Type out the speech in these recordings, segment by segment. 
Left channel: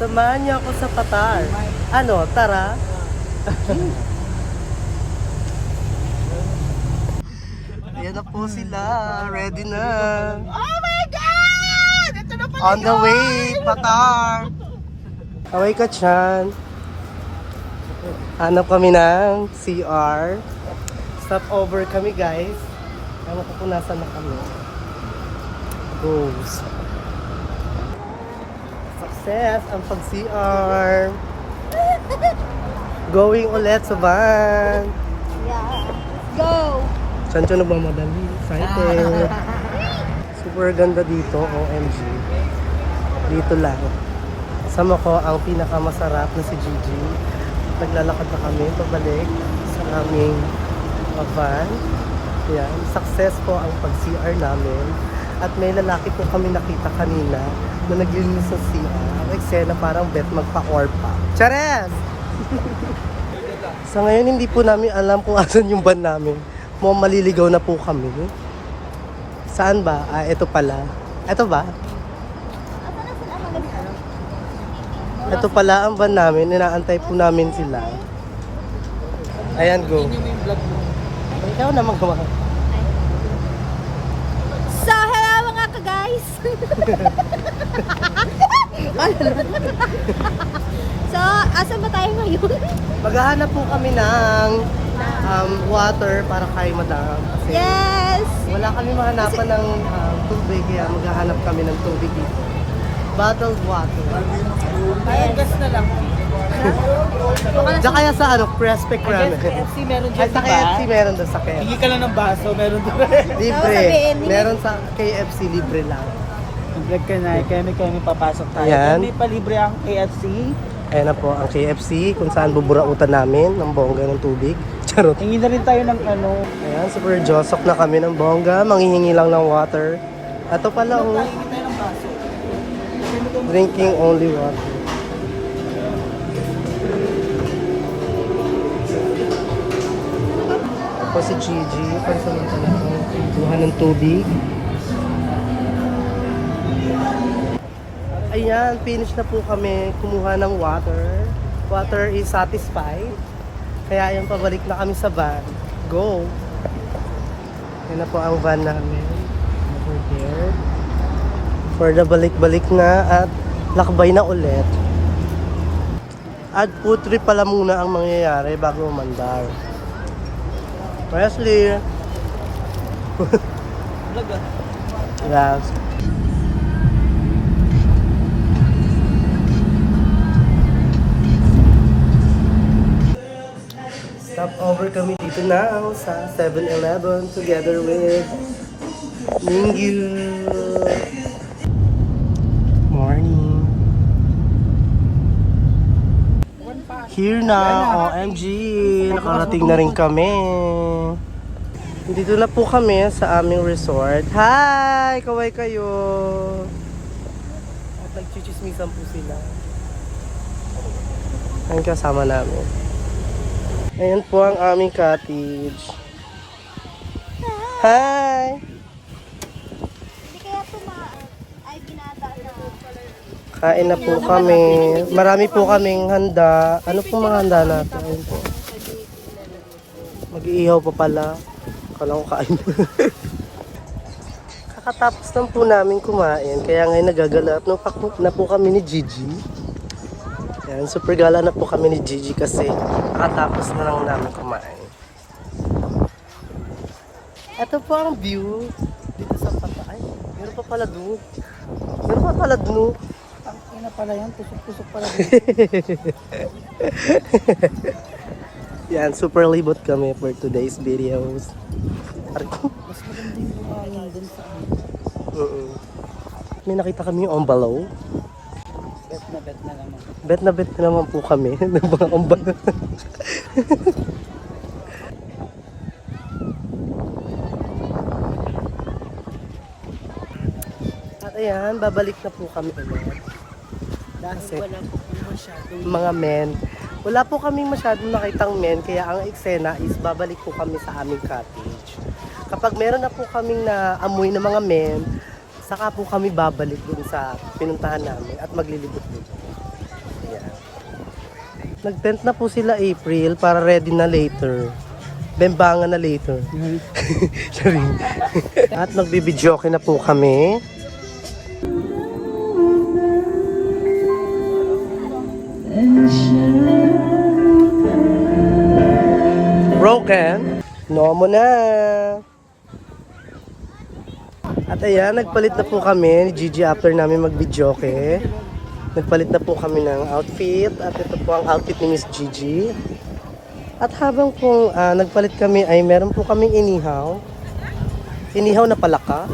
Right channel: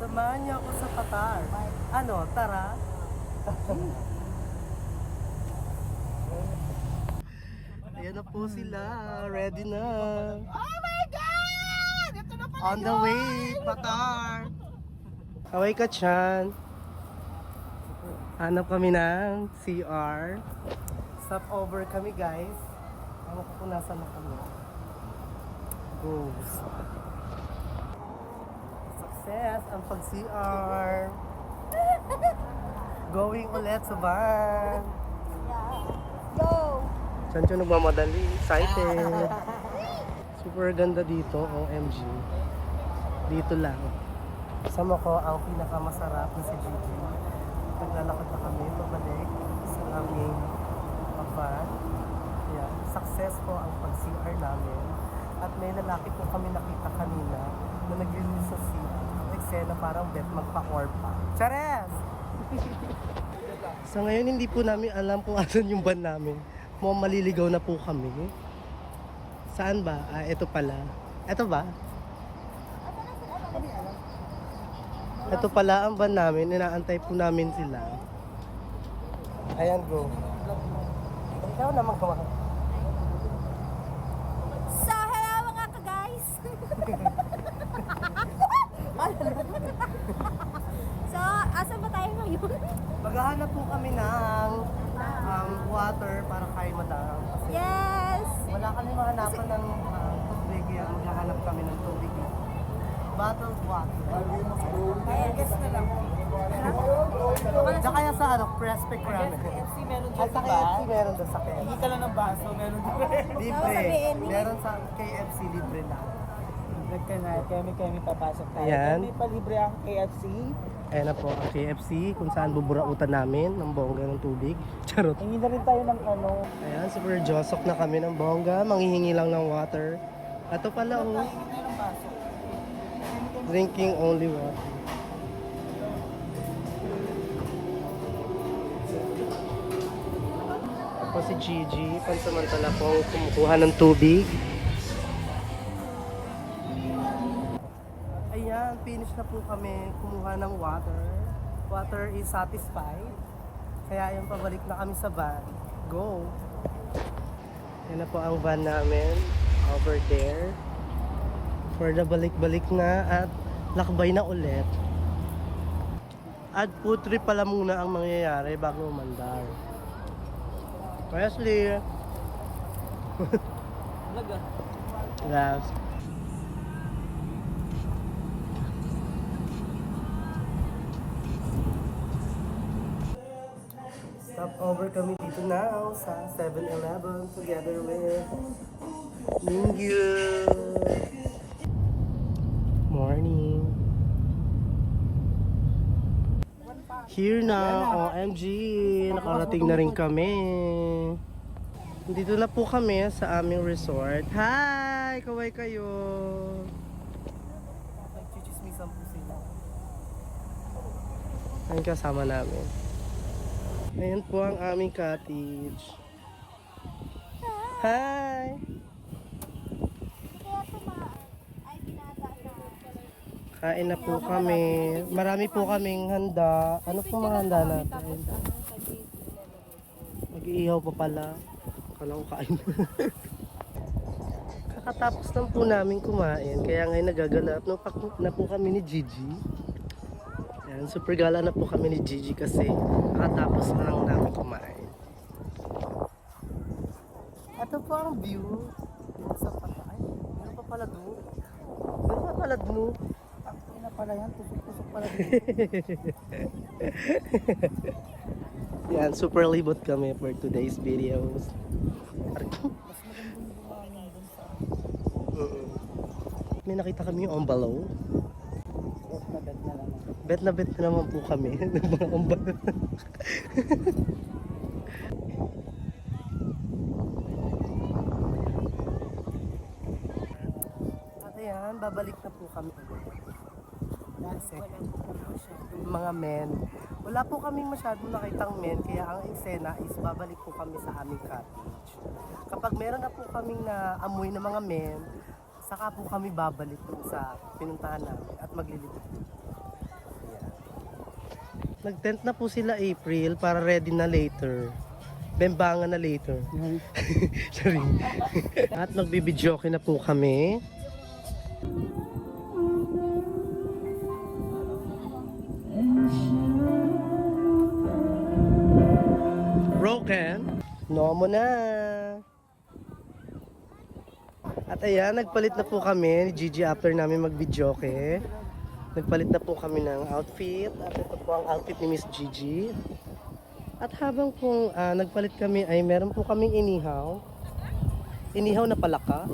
Samahan niyo ako sa Patar. Ano, tara? Ayan na po sila. Ready na. Oh my God! Ito na pala On the way, Patar. Away ka, Chan. Hanap kami ng CR. Stop over kami, guys. Ewan ko kung nasan na kami. Goes. Success ang pag-CR. Going ulit sa van. Yeah. Go! Saan siya nagmamadali? Excited. Super ganda dito, OMG. Dito lang. Kasama ko ang pinakamasarap na si Gigi. Naglalakad na kami pabalik sa aming van. Yan. Success po ang pag-CR namin. At may lalaki po kami nakita kanina na naglinis sa CR. Ang eksena parang bet magpa-orpa. Chares! Sa ngayon hindi po namin alam kung asan yung van namin. Mukhang maliligaw na po kami. Saan ba? Ah, ito pala. Ito ba? Ito pala ang van namin. Inaantay po namin sila. Ayan, go. Ikaw na magawa. So, hello mga ka-guys! So, asan ba tayo ngayon? Maghahanap po kami ng water para kay madam. Kasi Yes! wala kami mahanapan ng tubig, kaya maghahanap kami ng tubig dito. Bottled water. Ayan, gas na lang. Diyan kaya sa Prospect Ramen. KFC meron Ay, dyan, sa diba? KFC meron doon sa KFC. Hingi ka lang ng baso, meron doon. Libre. sabihin, Meron sa KFC, libre lang. Vlog ka na, kami papasok tayo. Ayan. Kami palibre ang KFC. Ayan na po ang KFC, kung saan buburautan namin ng bongga ng tubig. Charot. Hingi na rin tayo ng ano. Ayan, super josok na kami ng bongga. Manghihingi lang ng water. Ito pala, oh. Hingi tayo ng baso. Drinking only water. Ako si Gigi. Kuha ng tubig. Ayan, finish na po kami kumuha ng water. Water is satisfied. Kaya ayan, pabalik na kami sa van. Go! Yan na po ang van namin. Over there. For the balik-balik na at lakbay na ulit. At food trip pala muna ang mangyayari bago umandar. Wesley! Vlog ah. Yes. Stop over kami dito now sa 7-Eleven together with Mingyu. Morning. Here na, OMG. Nakarating na rin kami. Dito na po kami sa aming resort. Hi! Kaway kayo. At nagchichismisan po sila. Ang kasama namin. Ayan po ang aming cottage. Hi! Hindi kaya tumaan. Ay, binata na. Kain na po kami. Marami po kaming handa. Ano po mga handa natin? Ayun po. Mag-iihaw pa pala. Kala ko kain. Kakatapos lang po namin kumain. Kaya ngayon nagagalap na po kami ni Gigi. Yan, super gala na po kami ni Gigi kasi kakatapos na lang namin kumain. Ito po ang view dito sa Patay. Meron pa pala doon. Meron pa pala doon. Ang ina pala yan, tusok-tusok pala. Yan, super libot kami for today's videos. Arko. Mas maganda yung buhangin dun sa May nakita kami yung ombalaw. bet na naman. Bet na bet na naman po kami ng mga ombalaw. At ayan, babalik na po kami ulit. Kasi mga men, wala po kaming masyadong nakitang men, kaya ang eksena is babalik po kami sa aming cottage. Kapag meron na po kaming naamoy ng mga men, saka po kami babalik dun sa pinuntahan namin at maglilibot dito. Nag-tent na po sila April para ready na later. Bembangan na later. Sorry. At magbibidyoke na po kami. Broken. No mo na. At ayan, nagpalit na po kami ni Gigi after namin mag-videoke. Nagpalit na po kami ng outfit. At ito po ang outfit ni Miss Gigi. At habang po nagpalit kami ay meron po kaming inihaw. Inihaw na palaka.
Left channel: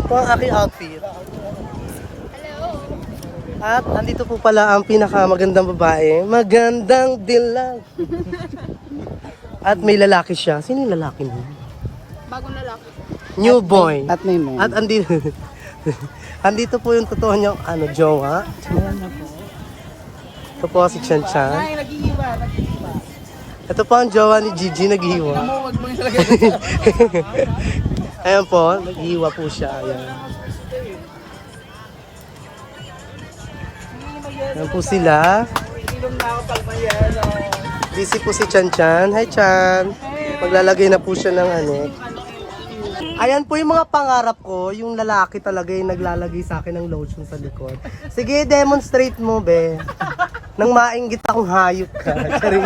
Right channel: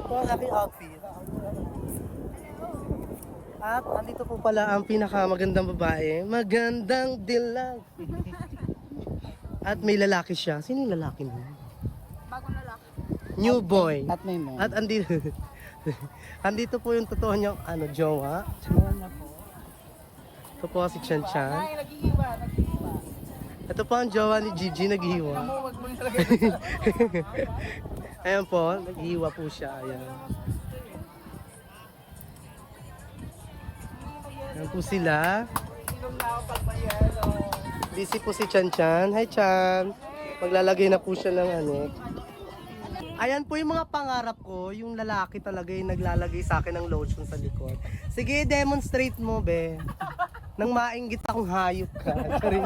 Ito ang aking outfit. At andito po pala ang pinakamagandang babae. Magandang dilag. At may lalaki siya. Sino yung lalaki mo? Bagong lalaki. New boy. At may man. At andito, andito po yung totoo niyang jowa. Ito po si Chan Chan. Ay, nag-iiba. Ito po ang jowa ni Gigi, naghihiwa. Huwag mo yung lagay. Ayan po, naghihiwa po siya. Ayan. Ayan po sila. Ilong na ako pag may ano. Busy po si Chan Chan. Hi Chan. Maglalagay na po siya ng ano. Ayan po yung mga pangarap ko. Yung lalaki talaga yung naglalagay sa akin ng lotion sa likod. Sige, demonstrate mo, be. Nang mainggit akong hayop ka. Charing.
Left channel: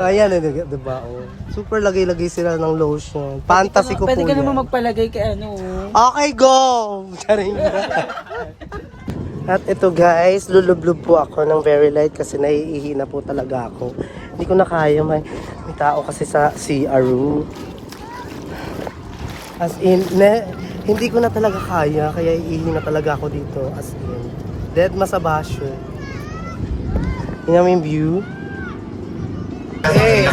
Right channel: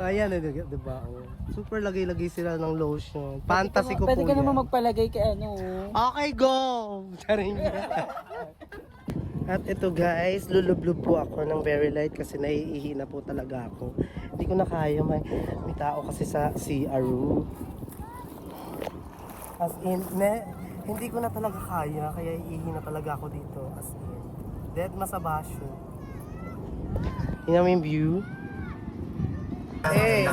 Ayan, diba? Oh. Super lagay-lagay sila ng lotion. Fantasy ko po Pwede ka yan. naman magpalagay kay ano. Okay, go! Charing. At ito guys, lulublub po ako ng very light kasi naiihi na po talaga ako. Hindi ko na kaya, may tao kasi sa CR room. As in, hindi ko na talaga kaya, kaya iihi na talaga ako dito. As in, dead masabasyo. Tingnan mo yung view. Eh,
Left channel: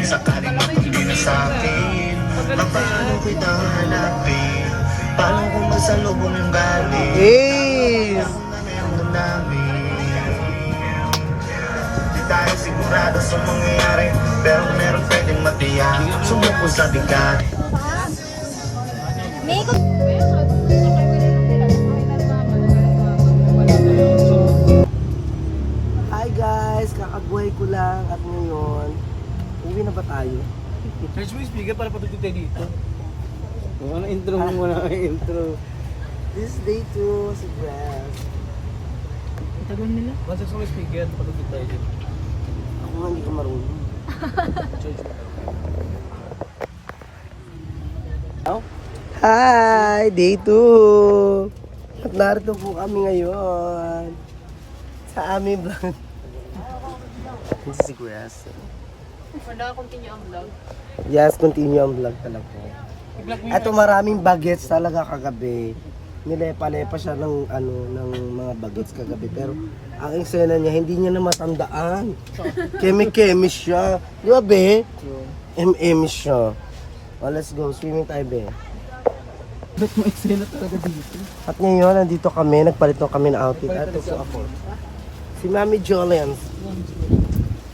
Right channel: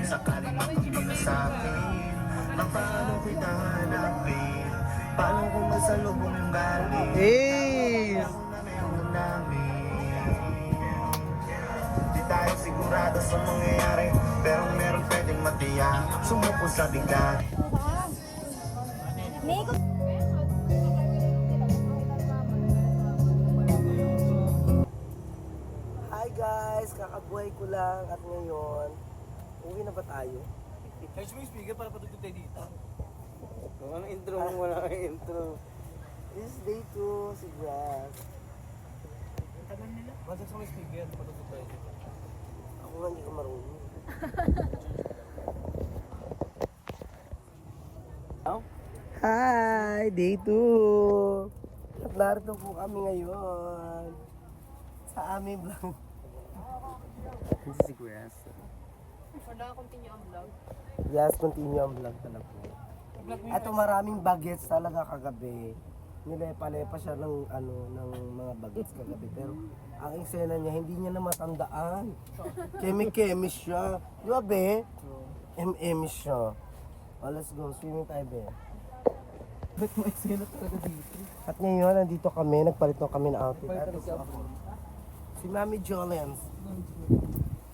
Sakaling magbigay sa akin, paano kita hanapin? Paano kung masalubong yung galing? eh. Ang namin. Di tayo sigurado sa mangyayari, pero meron pwedeng matiyak. Sumuko sa bigat. May ikot. Hi guys, kakabuhay ko lang at ngayon, uwi na ba tayo? Search mo yung speaker para patugtog tayo dito. Ano intro mo muna ang intro. This day to si Grass. Tagal nila. Once mo yung speaker, patugtog tayo dito. Ako nga hindi ko marunong. Hi! Day 2! At narito po kami ngayon sa aming vlog. This is Grass. Wala, continue ang vlog. Yes, continue ang vlog talaga. Ito maraming bagets talaga kagabi. Nilepa-lepa siya ng ng mga bagets kagabi pero ang eksena niya hindi niya na matandaan. Keme-keme siya. Di ba, be? MM siya. Oh, let's go. Swimming tayo, be. Ba't mo eksena talaga dito? At ngayon, nandito kami. Nagpalit na kami ng outfit. At ito po ako. Si Mami Jolens.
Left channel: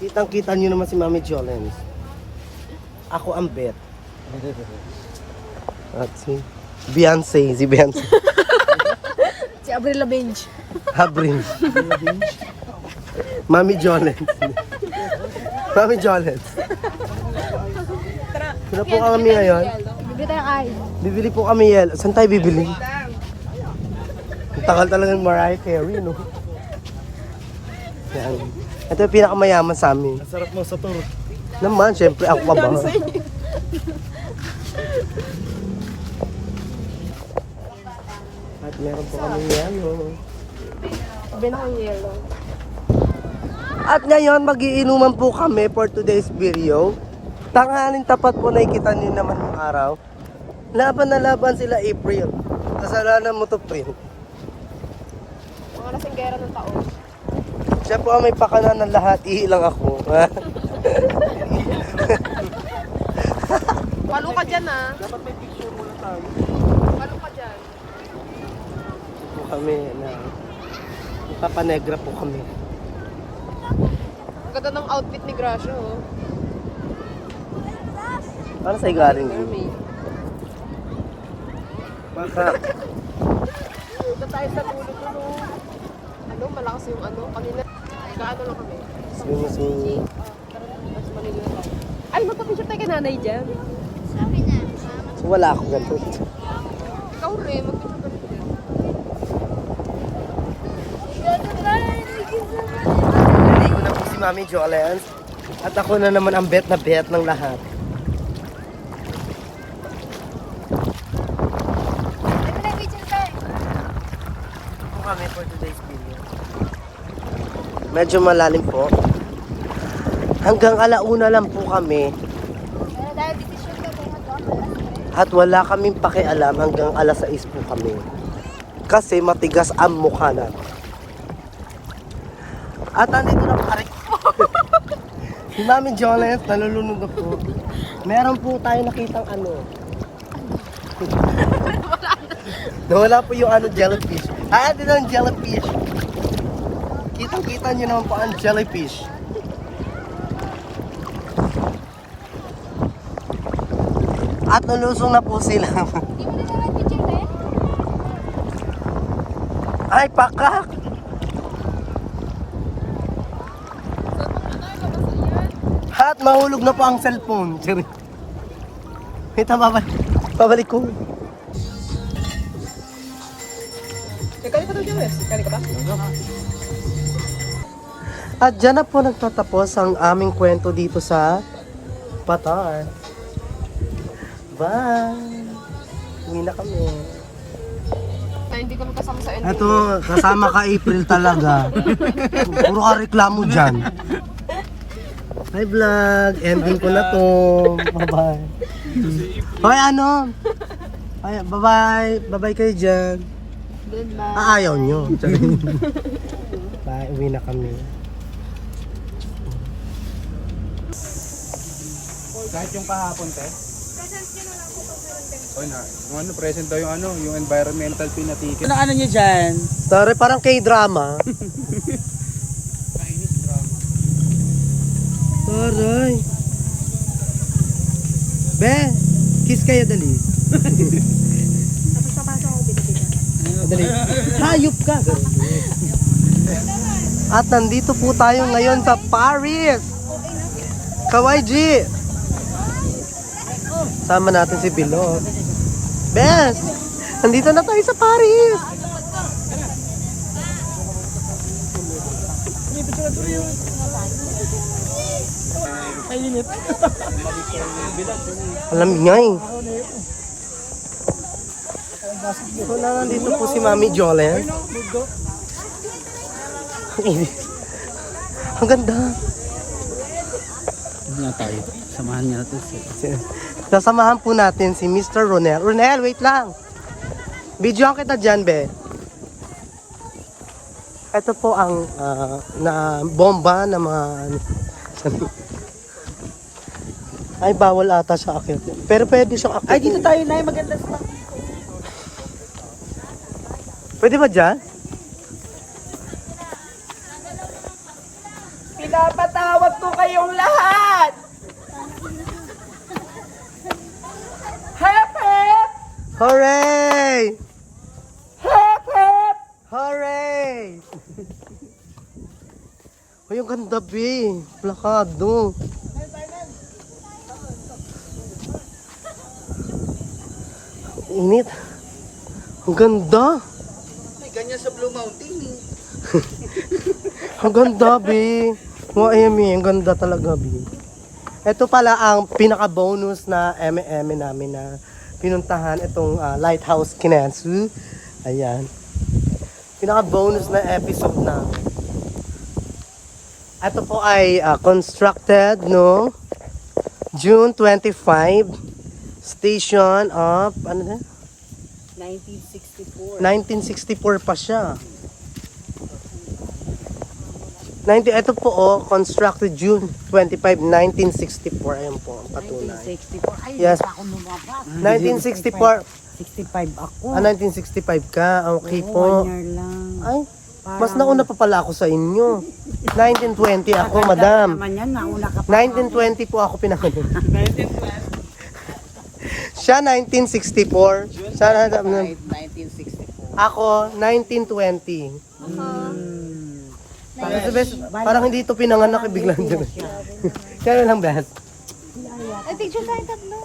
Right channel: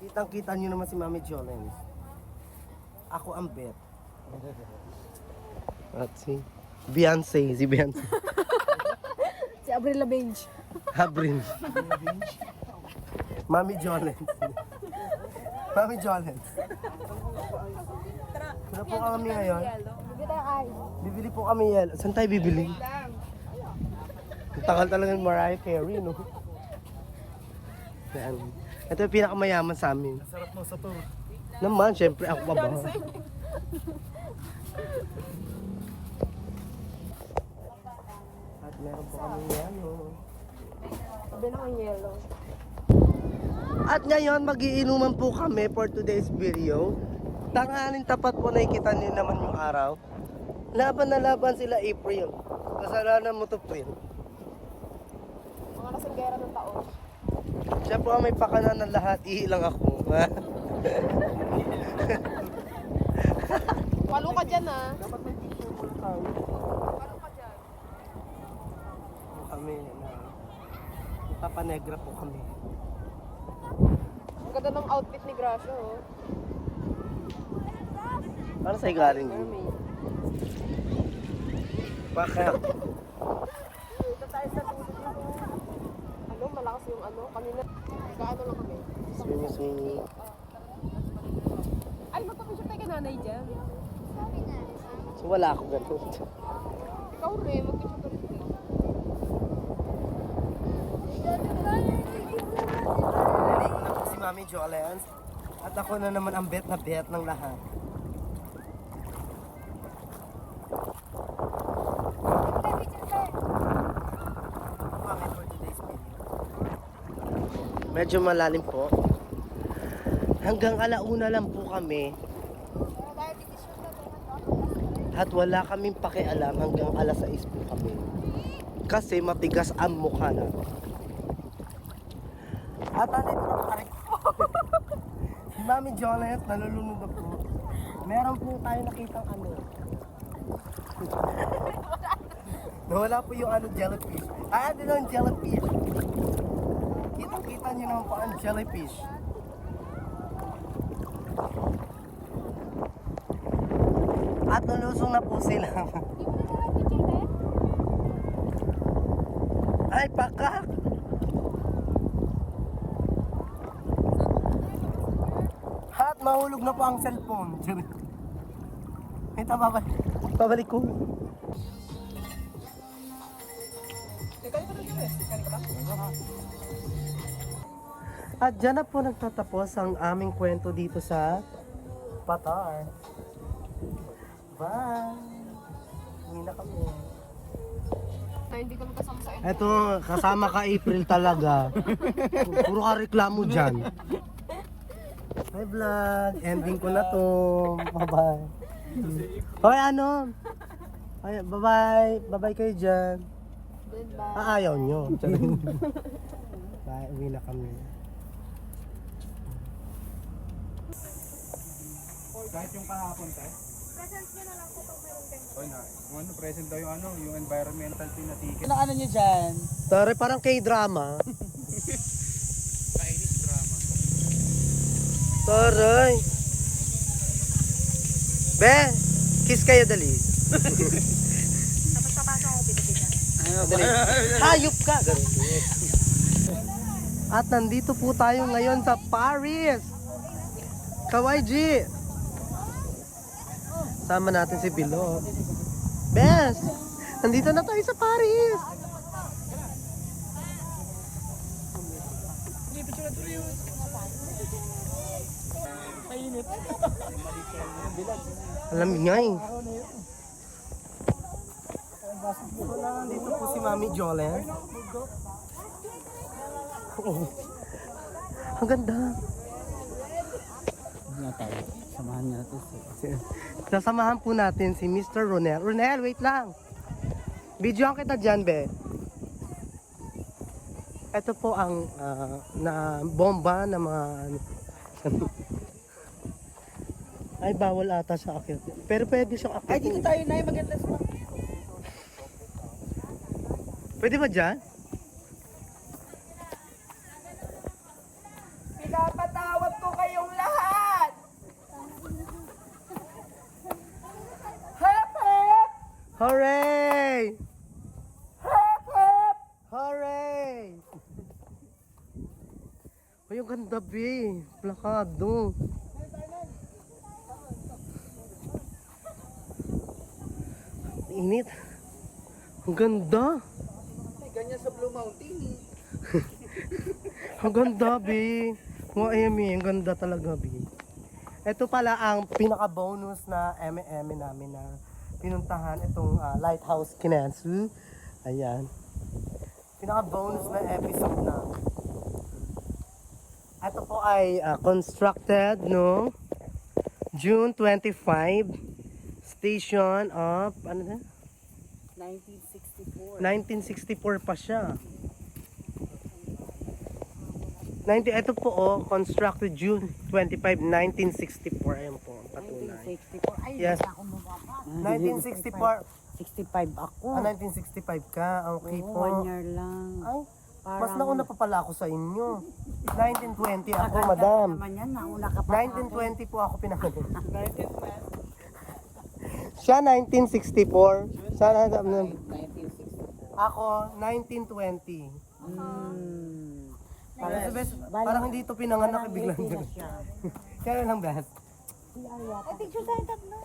Kitang-kita niyo naman si Mami Jolens. Ako ang bet. At si Beyonce. Si Beyonce. Si Avril Lavigne. Habrin. Mami Jolens. Mami Jolens. Sino po kami ngayon? Bibili tayo ice. Bibili po kami yelo. Saan tayo bibili? Ang tagal talaga ng Mariah Carey, no? Yan. Ito yung pinakamayaman sa amin. Ang sarap mo sa tour. Naman, syempre ako pa ba? At meron po kami yelo. Bibili na kang yellow. At ngayon, magiinuman po kami for today's video. Tanghaling tapat po, nakikita niyo naman yung araw. Laban na laban sila April. Kasalanan mo to, April. Mga nasinggera ng taon. Siya po ang may pakanan ng lahat, iilang ako. Palo ka dyan ah. Dapat may picture muna tayo. Palo ka dyan. Po kami na ipapanegra po kami. Ang ganda ng outfit ni Gracio. Oh. Ano sa'yo galing yun? Mermaid. Baka. Ito tayo sa pulo ko. malakas yung ano, kanina. Kaano lang kami. Swim. Mas maliliit ako. Ay, magpa-picture tayo kay nanay dyan. Sabi na. So, wala ako ganito. Ikaw rin, mag-picture ka rin. Naligo na po si Mami Jolens. At ako na naman ang bet na bet ng lahat. Ano na picture tayo? Ito po kami for today's video. Medyo malalim po. Hanggang alauna lang po kami. Pero dahil decision ka kung ano, At wala kaming pakialam hanggang alas 6 po kami. Kasi matigas ang mukha natin. At nandito na po. Aray. Si Mami Jolens, nalulunod na po. Meron po tayo nakitang ano. Nawala po yung ano, jellyfish. Ah, din ang jellyfish. Kitang-kita nyo naman po ang jellyfish. At nalusong na po sila. Hindi mo na naman picture tayo? Ay, pakak! At mahulog na po ang cellphone. Sorry. Wait, babalik ko. Kali ka daw dyan, Wes. Kali ka ba? At dyan na po nagtatapos ang aming kwento dito sa Batar. Bye! Uwi na kami. Na hindi kami kasama sa ending. Eto, kasama ka April talaga. Puro ka reklamo dyan. Hi vlog! Ending ko na to. Bye-bye. Hoy, ano? Ay, bye-bye. Bye-bye kayo dyan. Goodbye. Ayaw nyo. Bye, uwi na kami. Kahit yung kahapon, te. Oy na, yung ano, present daw yung ano, yung environmental fee na ticket. Ano niyo dyan? Sorry, parang K-drama. Aray. Be, kiss kayo dali. Hayop ka. At nandito po tayo ngayon sa Paris. Kawaii. Sama natin si Bilog. Bes, nandito na tayo sa Paris. Alam nga eh. So na nandito po si Mami Jolens. Ang ganda. Ano tayo? Samahan niya natin siya. Sasamahan po natin si Mr. Ronel. Ronel, wait lang. Videoan kita dyan, be. Ito po ang na bomba na mga... Ay, bawal ata siya akit. Pero pwede siyang akit. Ay, dito tayo na. Maganda sa Pwede ba dyan? pinapatawag ko kayong lahat! Hep, hep! Hooray! Hep, hep! Hooray! Ay, ang ganda, be. Plakado. Init. Ang ganda. May ganyan sa Blue Mountain eh. Ang ganda, be. Ang ganda talaga, be. Ito pala ang pinaka-bonus na M&M namin na pinuntahan itong Lighthouse Kinetsu. Ayan. Pinaka-bonus na episode na. Ito po ay constructed no June 25. Station of, ano na? 1964. 1964 pa siya. Ito po, constructed June 25, 1964. Ayan po, ang patunay. 1964. Ay, Yes. hindi pa ako lumabas. 1964. 65 ako. 1965 ka. Okay Oo, po. 1 year lang. Ay, mas nauna pa pala ako sa inyo. 1920 ako, madam. Naman yan, nauna ka pa. 1920 po ako pinanganak. Siya 1964. Siya, 1964. ako 1920. Kasi bes, parang hindi ito pinanganak, biglang dyan. Kaya lang bes. Ay, picture tayo tatlo.